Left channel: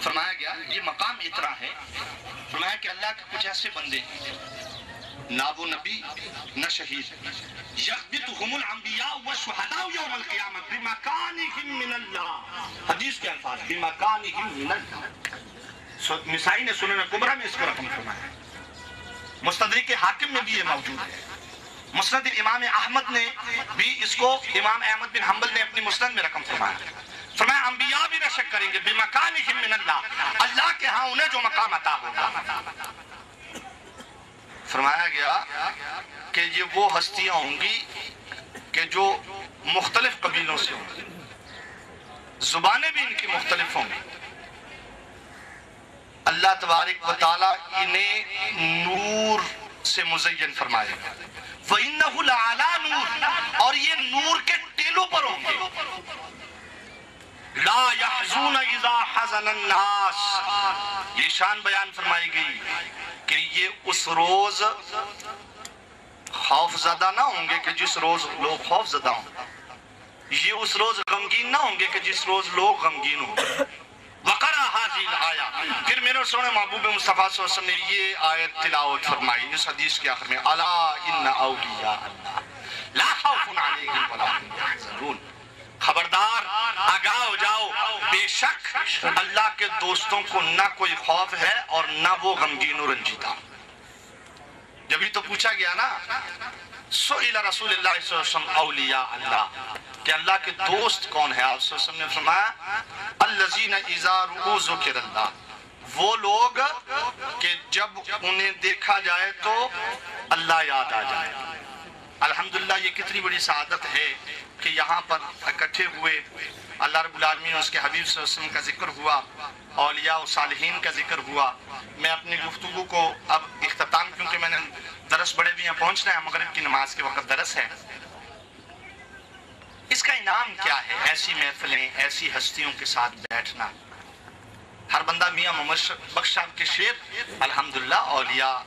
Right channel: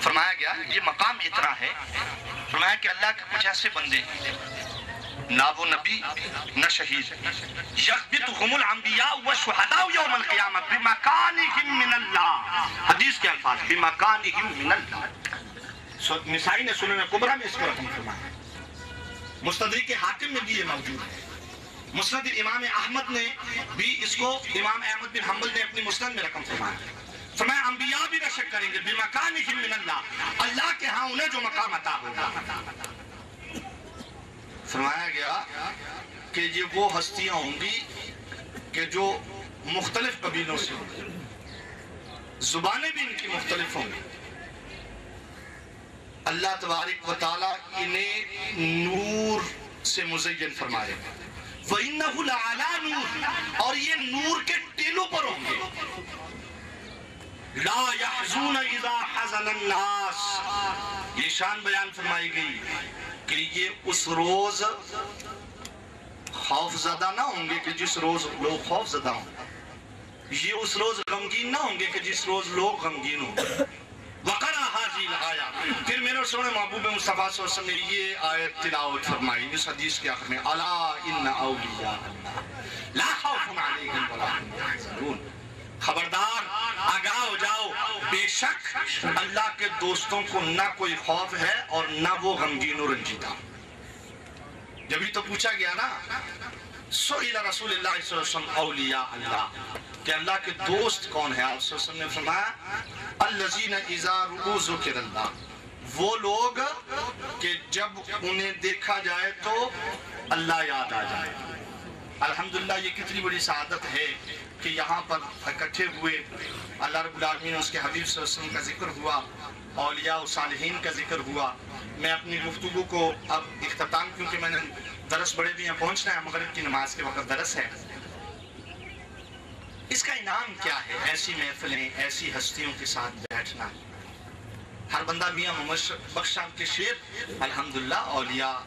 فرمایا گیا یہ مقام اتنا ہے، فرمایا کہ اللہ کے کچھ ایسے بندے ہیں نہ وہ نبی نہ شہید، یغبطہم الانبیاء والشہداء یوم القیامت بمکانہم من اللہ، حدیث کے الفاظ بمکانہم من اللہ، نسائی نے سنن کبریٰ میں اس کو رقم فرمایا، مستدرک حاکم میں بھی یہ موجود ہے، مسند امام احمد نے بھی اس کو امام احمد بن حنبل نے اپنی مسند میں رقم فرمایا، فرمایا انبیاء بھی بے شک کریں گے بمکانہم من اللہ، اللہ کے ہاں انہیں جو مقام عطا ہوگا۔ فرمایا گیا کہ یہ وہ ہستیاں ہوں گی کہ جو مختلف قبیلوں سے ہوں گی، زبانیں بھی ان کی مختلف ہوں گی، اللہ تبارک و تعالیٰ انہیں نور سے مزین فرمائے گا، وَإِنَّهُ لَعَلَىٰ نُورٍ، اور یہ نور کے ٹیلوں پر ہوں گے، لَا يَحْزُونَ إِذَا حَزَنَ النَّاسِ، یہ شان بیان فرمائی گئی کہ یہ اس روز خوف زدہ نہ ہوں گے کہ جس روز لوگ خوف زدہ ہوں، یہ اس روز غمگین نہ ہوں گے کہ جس روز لوگ غمگین ہوں گے۔ وَقَرَأَ هَذِهِ الْآيَةَ، پھر میرے سونے محبوب مصطفیٰ صلی اللہ علیہ وسلم نے یہ آیت تلاوت فرمائی اس حدیث کے آخر میں، أَلَا إِنَّ أَوْلِيَاءَ اللَّهِ لَا خَوْفٌ عَلَيْهِمْ وَلَا هُمْ يَحْزَنُونَ، خبردار آگاہ ہو جاؤ، بے شک اللہ کے دوستوں کو نہ کوئی خوف ہے اور نہ وہ غمگین و رنجیدہ۔ جبھی تو پوچھا گیا نا سئل رسول اللہ صلی اللہ علیہ وسلم اولیاء اللہ، کہ اللہ کے دوست کون ہے؟ آپ صلی اللہ علیہ وسلم نے فرمایا الذین اذا رؤوا ذکر اللہ، وہ لوگ کہ جب انہیں دیکھا جائے تو اللہ یاد آ جائے۔ الحمدللہ یہ کتنی بڑی سعادت ہے کہ یہاں پر اکٹھے ہوئے، اللہ رب العالمین اس کے حبیب صلی اللہ علیہ وسلم کا ذکر ہوا، اولیاء و صالحین کا ذکر ہوا۔ میں اپنی گفتگو کو اب اختتام، کیونکہ میں نے درس بڑے بھی یہاں پہنچنا ہے، مغرب کی نماز کے وقت درس ہے، اس کا انعام کیا ہے؟ ایسی محفلیں، ایسی ہستیوں کے ساتھ بیٹھنا۔ ہر بندہ میاں محمد بخش صاحب کے شعر، الحمدللہ اولیاء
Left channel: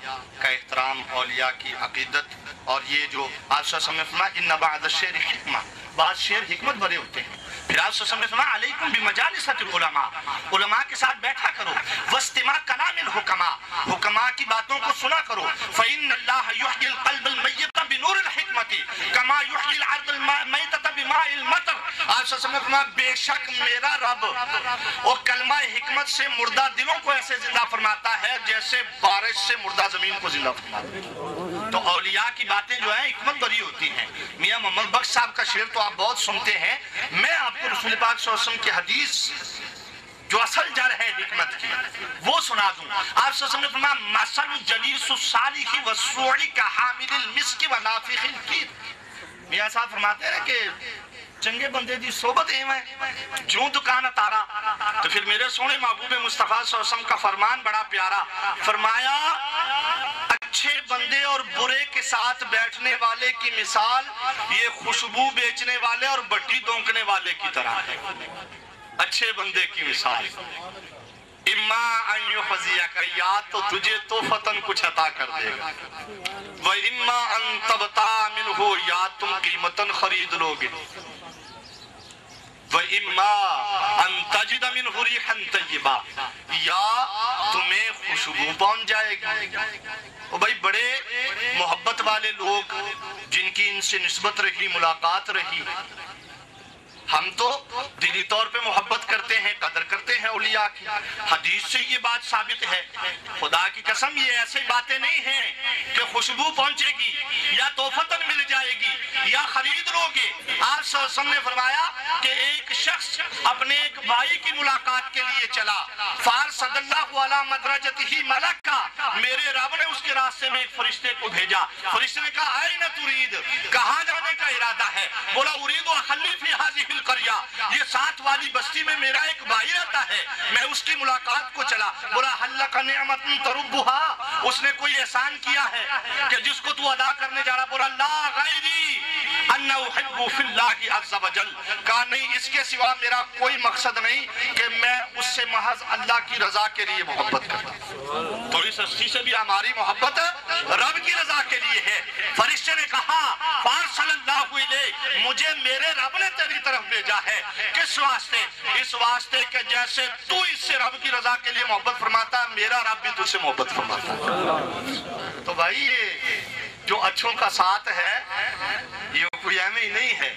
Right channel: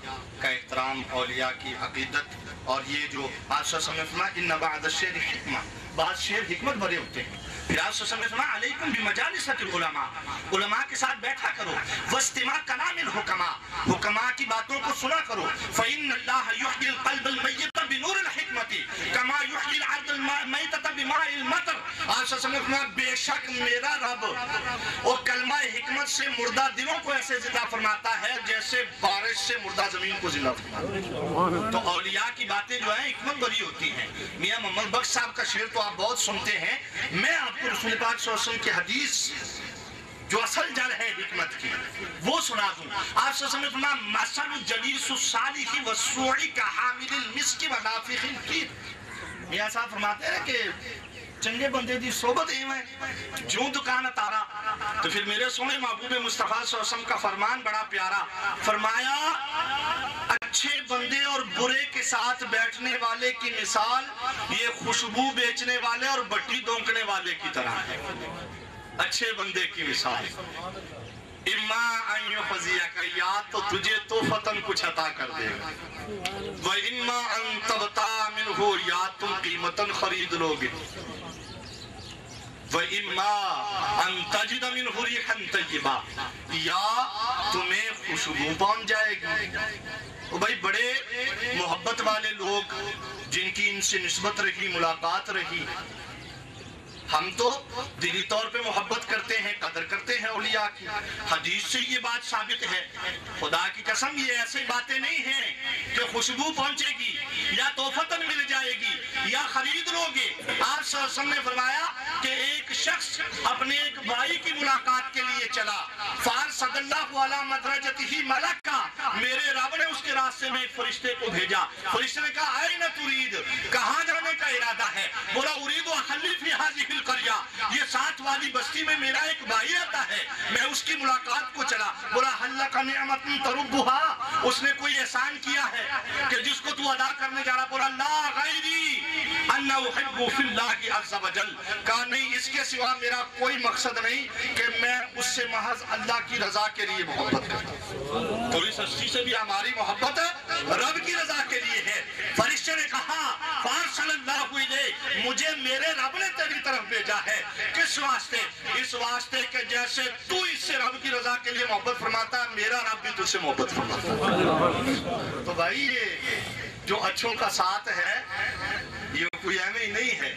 کا احترام، اولیاء کی عقیدت، اور یہ جو آپ صلی اللہ علیہ وسلم نے فرمایا ان بعض الشعر حکمہ، بعض شعر حکمت بھرے ہوتے ہیں۔ پھر آپ صلی اللہ علیہ وسلم نے فرمایا علیکم بمجالس العلماء، علماء کے ساتھ بیٹھا کرو، واستماع کلام الحکماء، حکماء کی باتوں کو سنا کرو، فإن اللہ یحیی القلب المیت بنور الحکمت کما یحیی الارض المیتۃ بماء المطر۔ آپ صلی اللہ علیہ وسلم نے فرمایا بے شک میرا رب وہ کلمہ حکمت سے مردہ دلوں کو ایسے زندہ فرماتا ہے جیسے بارش سے مردہ زمین کو زندہ فرماتا ہے۔ تو اولیاء کی باتیں جو ہیں حکمت بھری ہوتی ہیں۔ میاں محمد بخش صاحب کا شعر تو آپ بہت سنتے ہیں، میں آپ کو رسول پاک صلی اللہ علیہ وسلم کی حدیث جو اصل جڑ ہے حکمت کی وہ سنا دوں۔ آپ صلی اللہ علیہ وسلم نے فرمایا مثل جلیس الصالح والسوء کحامل المسک ونافخ الکیر۔ میاں صاحب فرماتے ہیں کہ چنگے بندے دی صحبت ایویں جو دکان تارا۔ تو پھر میرے سونے محبوب مصطفیٰ صلی اللہ علیہ وسلم کا فرمان بڑا پیارا، فرمایا اچھے بندے اور برے کے ساتھ بیٹھنے والے کی مثال یہ خوشبو بیچنے والے اور بٹی دونکنے والے کی طرح ہے۔ اچھے بندے کی مثال اما ان یحظیک، یا تو تجھے تو فتن کچھ عطا کر دے گا، واما ان تبتاع منہ، یا تم قیمتاً خرید لوگے، وَإِمَّا أَن تَجِدَ مِنْهُ رِيحًا طَيِّبًا، یا تمہیں خوشبو پہنچ جائے گی۔ وہ بھائی بڑے محبت والے لوگ جن کی ان سے نسبت رہی، ملاقات رہی، ہم تو دلی طور پہ محبت کرتے ہیں، قدر کرتے ہیں اولیاء کی، حدیث سے یہ بات ثابت ہے۔ خدا کی قسم یہ ایسی باتیں نہیں ہیں کہ خوشبو پہنچے گی یا توفتاً مل جائے گی یا خرید لو گے۔ آپ صلی اللہ علیہ وسلم نے فرمایا کہ ایک شخص اپنے ایک بھائی کی ملاقات کے لیے چلا، فارسد اللہ علی مدرجتہ ملکا، میرے رب نے اس کے راستے میں ایک فرشتے کو بھیجا۔ فرشتے نے کہا اینَ ترید، کہاں جانے کا ارادہ ہے؟ بولا ارید اخلی فی ہذہ القریہ، یہ ساتھ والی بستی میں میرا ایک بھائی رہتا ہے، میں اس کی ملاقات کو چلا۔ بولا هل لک نعمت تربها، اس نے کوئی احسان کیا ہے کہ جس کو تو ادا کرنے جا رہا؟ بولا لا غیری ان احب فی اللہ عز وجل، کہا نہیں اس کے سوا میرا کوئی مقصد نہیں کہ میں اس سے محض اللہ کی رضا کے لیے محبت کرتا ہوں۔ تو اس ہستی سے بھی ہماری محبت رب کی رضا کے لیے ہے۔ فرشتے فرشتے نے کہا فارسل اللہ الیک، مجھے میرے رب نے تیری طرف بھیجا ہے۔ کس واسطے؟ اس واسطے کہ جیسے تو اس سے رب کی رضا کے لیے محبت فرماتا ہے، میرا رب بھی تجھ سے محبت فرماتا ہے۔ تو بھائی یہ جو اچھوں کا ساتھ ہے یہ کوئی اہم ہی نہیں ہے۔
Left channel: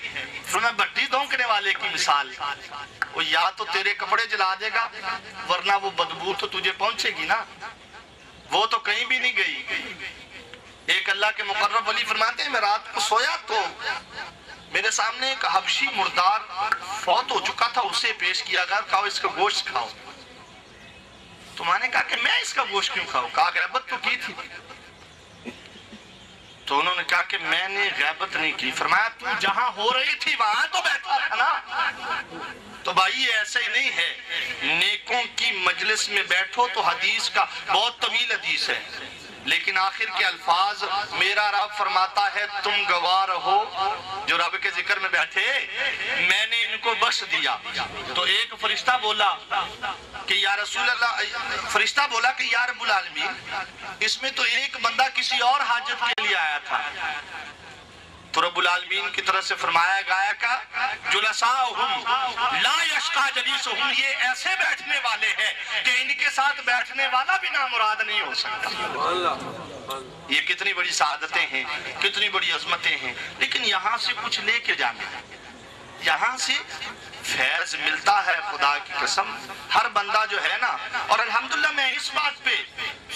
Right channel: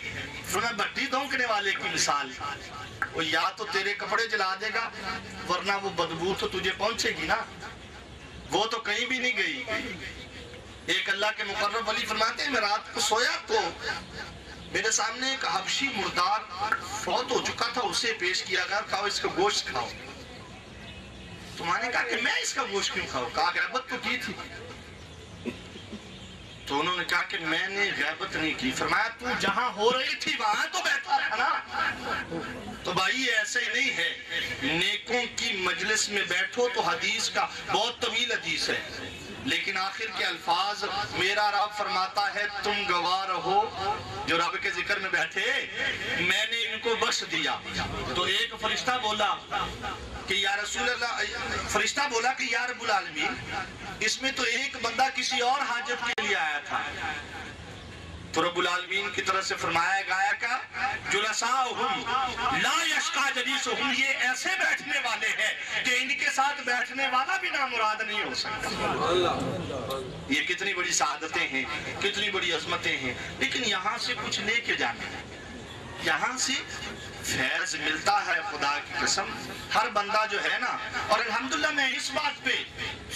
سنا بھٹی دھونکنے والے کی مثال، وہ یا تو تیرے کپڑے جلا دے گا ورنہ وہ بدبو تو تجھے پہنچے گی نا، وہ تو کہیں بھی نہیں گئی۔ ایک اللہ کے مقرب ولی فرماتے ہیں میں رات کو سویا تو میرے سامنے ایک حبشی مردار فوت ہو چکا تھا، اسے پیش کیا گیا، کہا اس کا گوشت کھاؤ۔ تو میں نے کہا کہ میں اس کا گوشت کیوں کھاؤں؟ کہا غیبت تو کی تھی۔ تو انہوں نے کہا کہ میں نے غیبت نہیں کی۔ فرمایا تو جہاں ہو رہی تھی وہاں تو بیٹھا تھا نا۔ تو بھائی ایسے ہی نہیں ہے، نیکوں کی مجلس میں بیٹھو تو حدیث کا بہت طویل حدیث ہے، لیکن آخر کے الفاظ میرا رب فرماتا ہے تم گواہ رہو جو رب کے ذکر میں بیٹھے میں نے ان کو بخش دیا۔ تو ایک فرشتہ بولا کہ یا رسول اللہ، فرشتہ بولا کہ یا رب العالمین، اس میں تو ایک بندہ کسی اور حاجت کے لیے آیا تھا۔ تو رب العالمین کی طرف سے فرمایا گیا کہ جلساؤہم لا یشقی جلیسہم، یہ ایسے بیٹھنے والے ہیں کہ ان کے ساتھ بیٹھنے والا بھی نامراد نہیں ہو سکتا۔ یہ کتنی بڑی سعادتیں ہیں، کتنی بڑی عظمتیں ہیں، لیکن یہاں سے کچھ لے کے جانا ہے، یہاں سے فیض ملتا ہے خدا کی قسم۔ ہر بندہ جو ہے نا، اور الحمدللہ میں اس بات پہ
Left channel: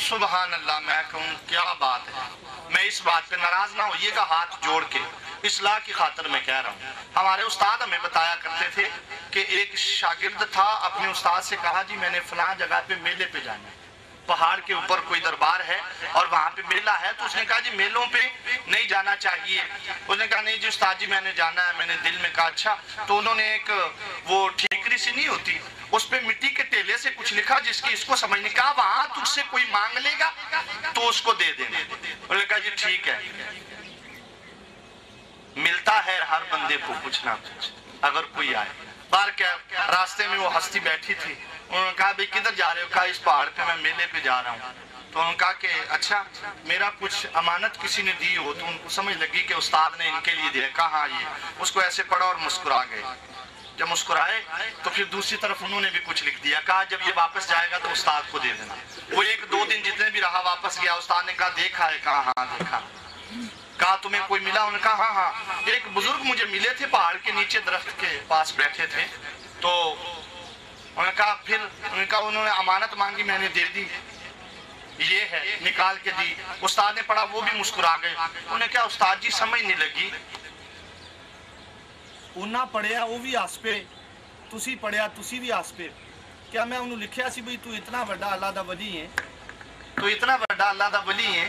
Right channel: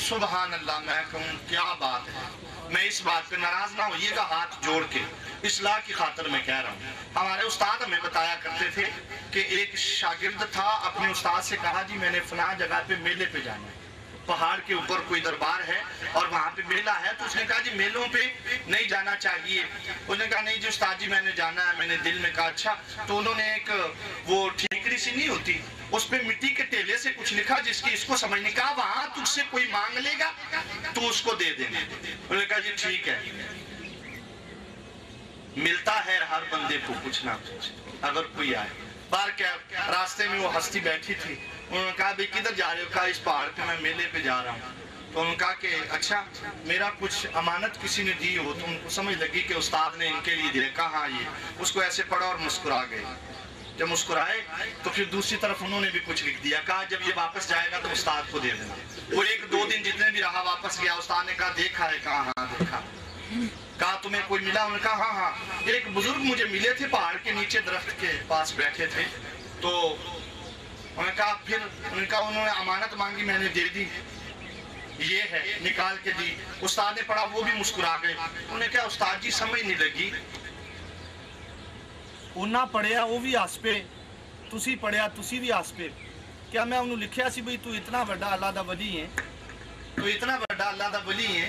سبحان اللہ میں کہوں کیا بات ہے، میں اس بات پہ ناراض نہ ہوئیے گا، ہاتھ جوڑ کے اصلاح کی خاطر میں کہہ رہا ہوں۔ ہمارے استاد ہمیں بتایا کرتے تھے کہ ایک شاگرد تھا، اپنے استاد سے کہا جی میں نے فلاں جگہ پہ میلے پہ جانا ہے، پہاڑ کے اوپر کوئی دربار ہے اور وہاں پہ میلہ ہے۔ تو اس نے کہا جی میلوں پہ نہیں جانا چاہیے۔ اس نے کہا نہیں جی استاد جی میں نے جانا ہے۔ میں نے دل میں کہا اچھا۔ تو انہوں نے ایک وہ ٹھیکری سی نہیں ہوتی، اس پہ مٹی کے ٹیلے سے کچھ لکھا جس کی اس کو سمجھ نہیں، کہا وہاں تجھ سے کوئی مانگ لے گا تو اس کو دے دینا۔ انہوں نے کہا جی ٹھیک ہے۔ ملتا ہے ہر بندے کو کچھ نہ کچھ اگر کوئی آئے۔ بار کیا راستے میں وہ ہستی بیٹھی تھی، انہوں نے کہا بھئی کدھر جا رہے ہو؟ کہا اس پہاڑ پہ میں میلے پہ جا رہا ہوں۔ تو انہوں نے کہا کہ اچھا میرا کچھ امانت کسی نے دی ہو؟ تو ان کو سمجھ لگی کہ استاد نے ان کے لیے دیا۔ کہا ہاں یہ، اس کو ایسے پڑھا اور مسکرا گئے۔ جب مسکرائے تو پھر دوسری طرف انہوں نے بھی کچھ لکھ دیا، کہا جب یہ واپس جائے گا تو استاد کو دے دینا۔ وہ ایک دو دن جتنے بھی رہا واپس گیا، استاد نے کہا دیکھا ہے؟ کہا ہاں دیکھا۔ کہا تمہیں کوئی ملا؟ انہوں نے کہا ہاں ہاں ایک بزرگ مجھے ملے تھے، پہاڑ کے نیچے درخت کے پاس بیٹھے تھے۔ تو انہوں نے کہا پھر انہوں نے امانت مانگی، میں نے دے دی، یہ ہے نکال کے دی۔ استاد نے پڑھا، وہ بھی مسکرا گئے۔ انہوں نے کہا استاد جی سمجھ نہیں لگی، انہاں پڑھیا وہ بھی ہس پے، تسی پڑھیا تسی بھی ہس پے۔ کیا میں انہوں لکھیا سی بھئی تو اتنا بڑا اللہ دا ولی ہے، تو اتنا بڑا اللہ دا ولی ہے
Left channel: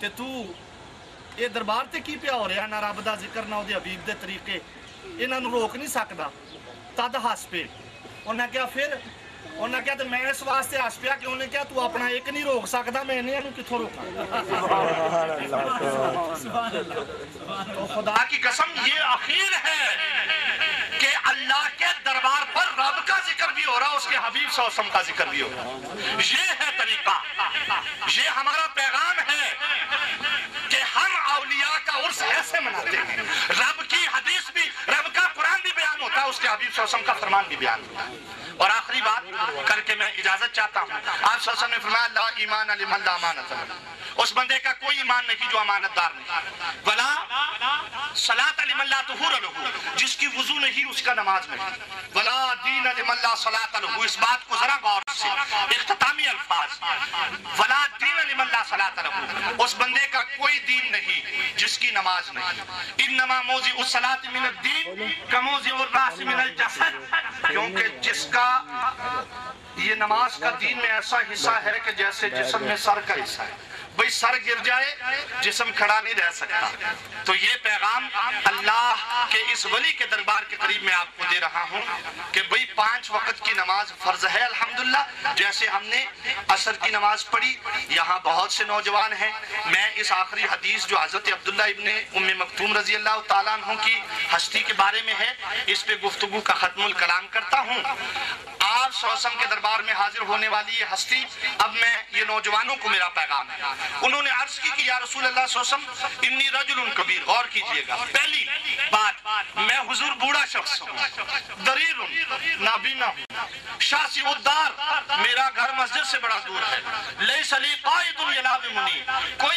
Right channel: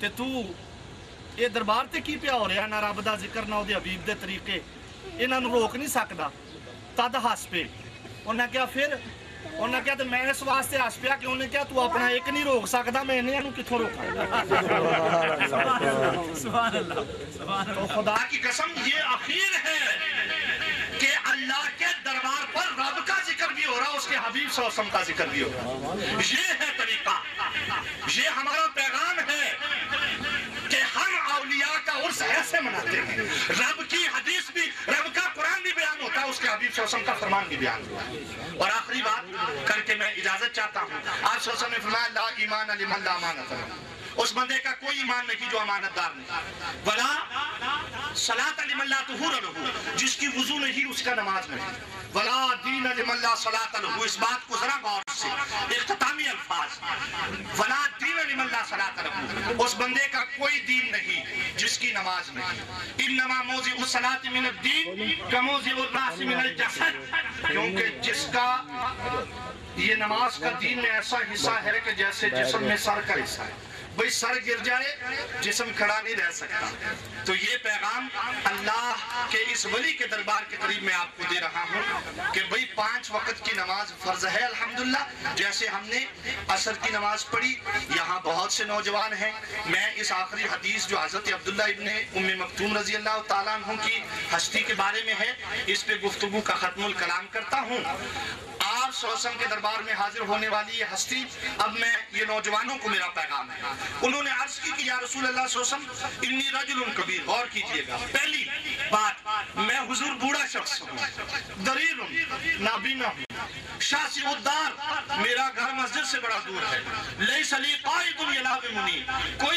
تے تو یہ دربار تے کی پیا ہو رہا، نہ رب دا ذکر نہ دے حبیب دے طریقے، انہاں نوں روک نہیں سکدا، تد ہس پے۔ انہاں کیا پھر انہاں کیا تو میں اس واسطے ہس پیا کہ انہیں کیا تو اپنا ایک نہیں روک سکدا، میں انہاں نوں کتھوں روکاں؟ تو خدا کی قسم یہ اخیر ہے کہ اللہ کے دربار پر رب کا ذکر بھی ہو رہا، اس کے حبیب صلی اللہ علیہ وسلم کا ذکر بھی ہو رہا۔ یہ ہے طریقہ، یہ ہمارا پیغام ہے کہ ہم اولیاء کا عرس ایسے مناتے ہیں۔ رب کی حدیث بھی، رب کا قرآن بھی بیان ہوتا ہے، اس کے حبیب صلی اللہ علیہ وسلم کا فرمان بھی بیان ہوتا ہے۔ اور آخری بات کر کے میں اجازت چاہتا ہوں، آپ صلی اللہ علیہ وسلم نے فرمایا لا ایمان لمن لا امانت لہ، اس بندے کا کوئی ایمان نہیں جو امانت دار نہیں، ولا صلاۃ لمن لا طہور لہ، جس کی وضو نہیں اس کا نماز نہیں، ولا دین لمن لا صلاۃ لہ، اس بات کو ذرا غور سے اختتامی الفاظ، ولا دین لمن لا صلاۃ لہ، اس بندے کا کوئی دین نہیں جس کی نماز نہیں۔ انما موضع الصلاۃ من الدین کموضع الراس من الجسد، کیونکہ جس کا یہ نماز کا دین میں ایسا حصہ ہے کہ جیسے جسم میں سر کا حصہ ہے، بھئی سر گر جائے جسم کھڑا نہیں رہ سکتا۔ تو یہ پیغام اللہ کے اس ولی کے دربار کے قریب میں آپ کو دے رہا ہوں کہ بھئی 5 وقت کی نماز فرض ہے الحمدللہ، جیسے ہم نے عصر کی نماز پڑھی۔ یہاں بہت سے نوجوان ہیں، میں اس آخری حدیث جو حضرت عبداللہ ابن ام مکتوم رضی اللہ تعالیٰ عنہ کی ہستی کے بارے میں ہے، اس پہ گفتگو کا ختم الکلام کرتا ہوں۔ آپ صلی اللہ علیہ وسلم کے دربار میں حاضر ہونے والی یہ ہستی، اب میں یہ نوجوانوں کو میرا پیغام ہے، انہوں نے عرض کی کہ یا رسول اللہ صلی اللہ علیہ وسلم انی رجل کبیر، غور کیجئے گا، پہلی بات میں حضور بوڑھا شخص ہوں، دریل نابینا ہوں، شاسی الدار، میرا گھر مسجد سے بڑا دور ہے، لیس لی قائد یلازمنی، کوئی